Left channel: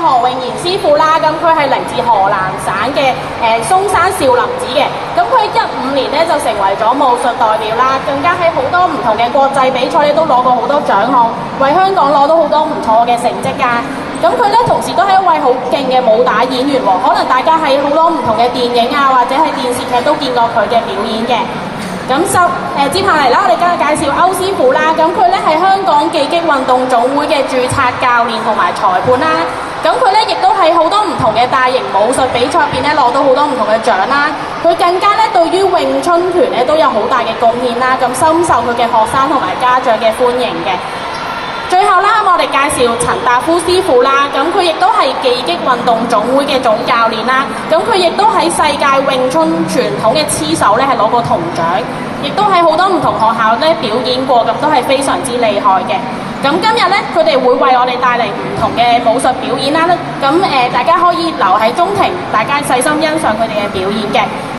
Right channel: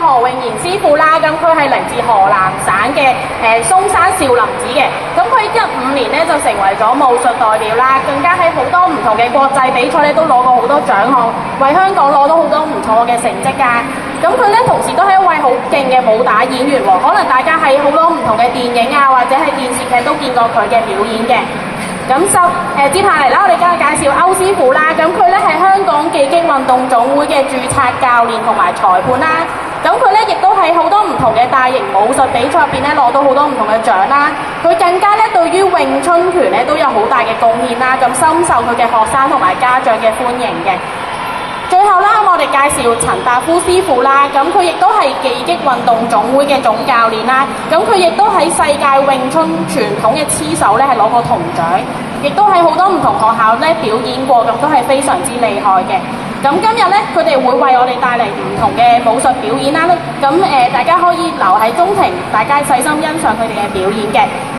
何永賢師傅啦，咁佢係嚟自河南省嘅嵩山少林寺嘅。咁佢15年咧就成為咗武術代表啦，更加喺好多唔同嘅國際比賽咧都攞過好多獎項，為香港攞到好多唔錯嘅成績㗎。咁佢咧同時都係一位好勁嘅武打演員喎，可能大家喺好多唔同嘅電影啊或者係電視劇都見過佢嘅表演嘅。咁接下嚟啦，我哋今日介紹歐師傅啦。咁佢咧係香港技擊運動總會嘅註冊教練同埋裁判啦。咁佢咧亦都喺好多唔同嘅大型武術比賽入邊咧攞到好多唔同嘅獎啦。佢更加咧對於詠春拳咧都有好大嘅貢獻啦，咁深受佢嘅學生同埋家長嘅歡迎嘅。最後啦，我哋介紹陳達夫師傅啦，咁佢亦都係技擊運動總會嘅總教練啦，咁佢亦都喺世界詠春傳統嘅黐手咧係攞過銅獎，亦都喺好多唔同學校咧表演過，咁都係非常之厲害嘅。咁今日咧，佢哋會為我哋帶嚟唔同嘅武術表演啦，咁大家可以留喺中庭，大家細心欣賞佢哋嘅表演嘅。